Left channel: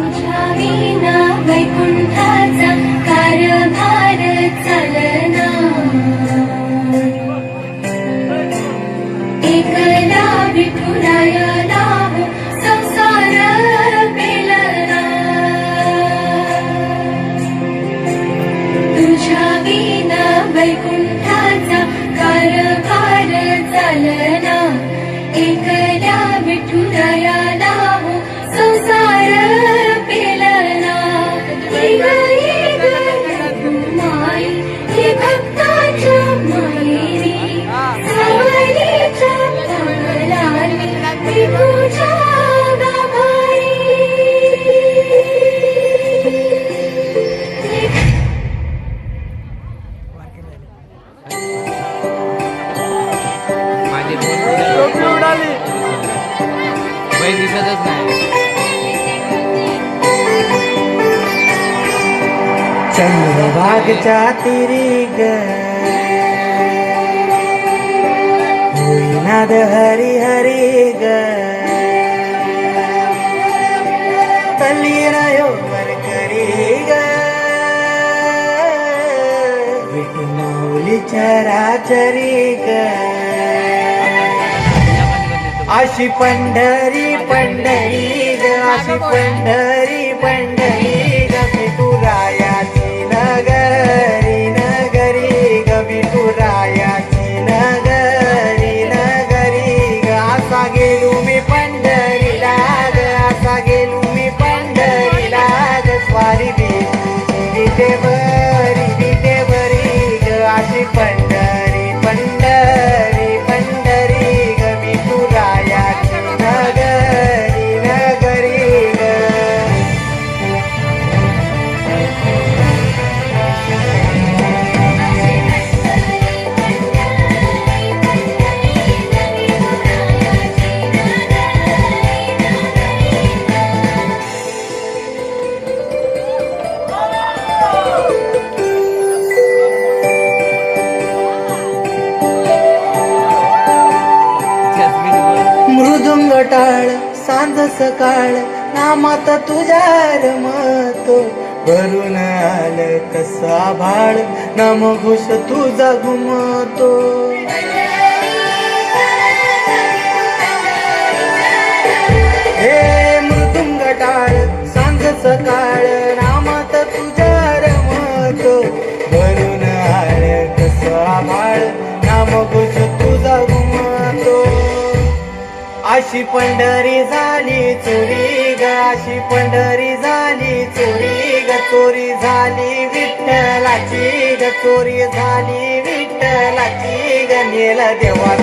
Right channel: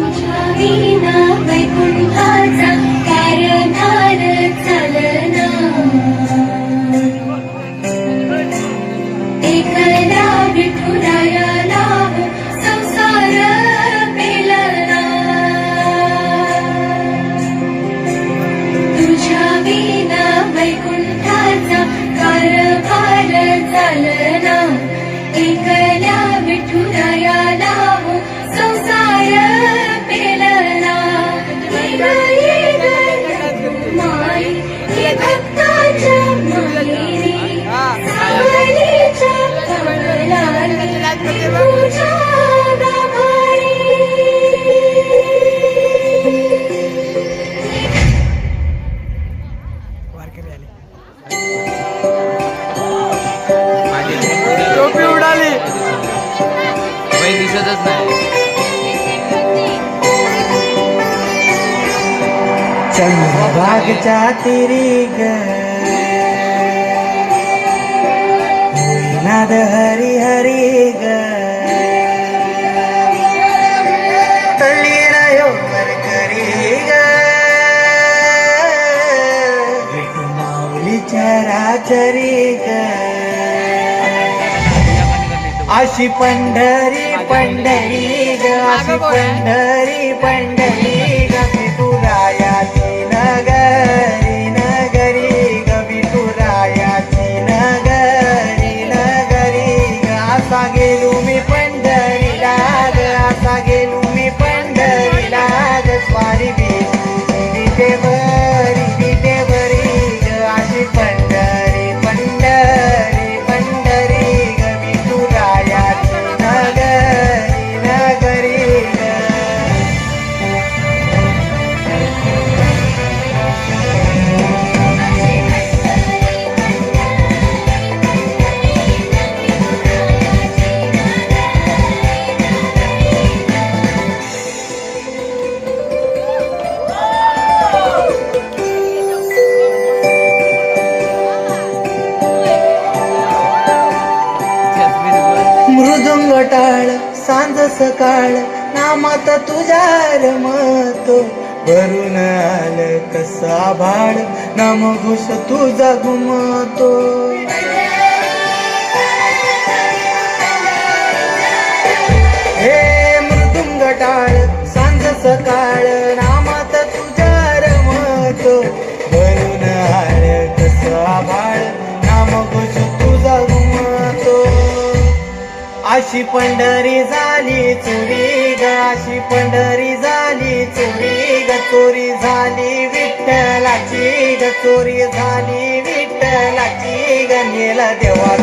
Maria, kay kung बैल दिसतच नाही. चंद्रभागच्या तिरी ग. हरी हरी ग. तल्ली रायो करी ग. विठू माऊलीच्या ग. अशी पंढरी पंढरी अशी पंढरी पंढरी. मृदुंग टाळ सांज सकाळ नामात तुझ्या रमतो. भरून आलय कसा भाळ नाम घुस तुझा घुमतो. हे मृदुंग टाळ सांज सकाळ गाशी पंढरी झाली चोरी गाशी पंढरी झाली चोरी ग चोरी झाली विठ्ठलाची ग चोरी झाली विठ्ठलाची ग नेला देवा